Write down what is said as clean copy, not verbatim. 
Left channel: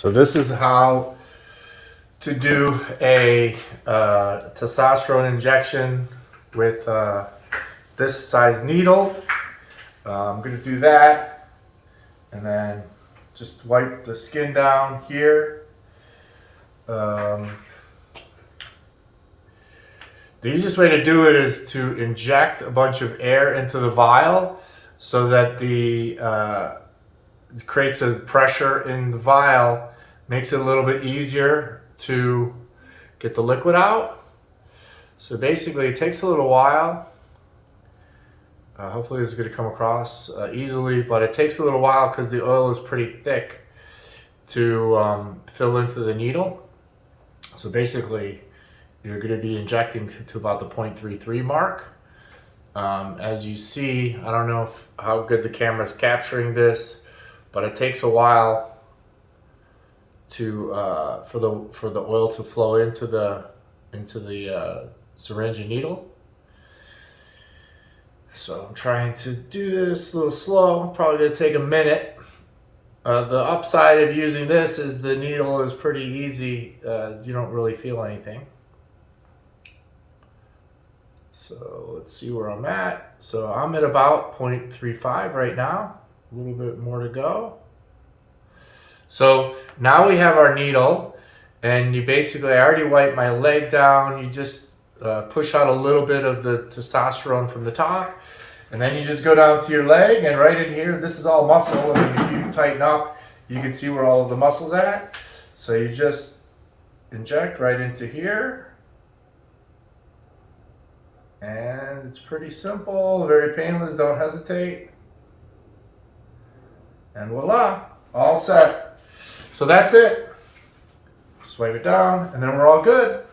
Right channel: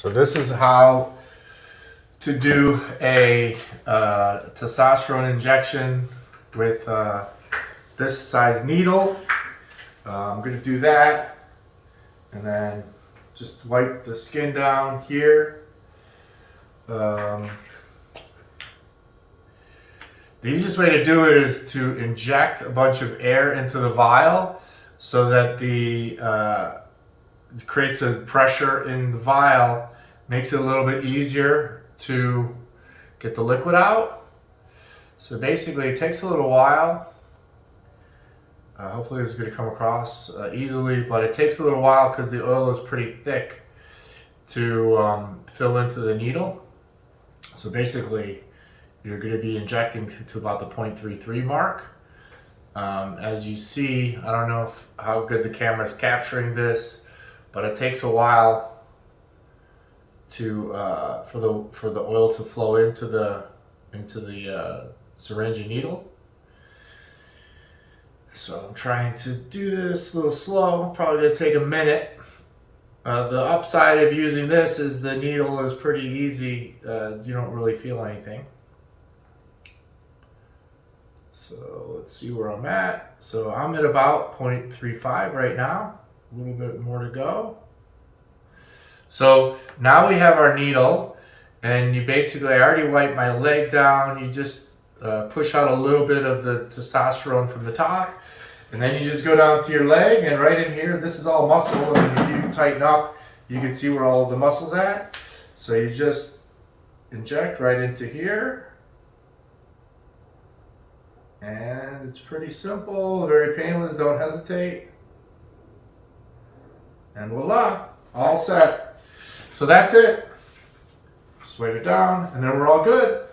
So this is how to do a testosterone injection with this size needle. I'm going to do that and then just wipe the skin down here. The easiest way to do it is to inject a bunch of air into the vial so that it creates a pressure in the vial, makes it a little bit easier to get the liquid out. So basically it takes a little while. Hopefully this is going to come across easily, but it takes a little while because the oil is pretty thick to fill into the needle. So basically you're going to be injecting to about the 0.33 mark. As you see, I don't know how good the camera is capturing this, but it takes a while to for the oil to flow into the syringe and needle. So I'm trying to do this a little slow. Probably gonna take a minute. The upside of using this is the needle is pretty easy. You don't really feel anything. So let's see where I'm at. So I'm at about 0.35 right now. A little bit more to go. So now we have our needle, and you basically, I already wiped my leg down. You just push out a little bit of the testosterone from the top, and then you just go down to your leg, and right in here, this is all muscle, and if you tighten up, you can see where all of the muscle's at. So you just inject right into here. And it's pretty simple, very painless, don't hesitate. And voila, all set. So that's it. Just wipe it down, and then we're all good.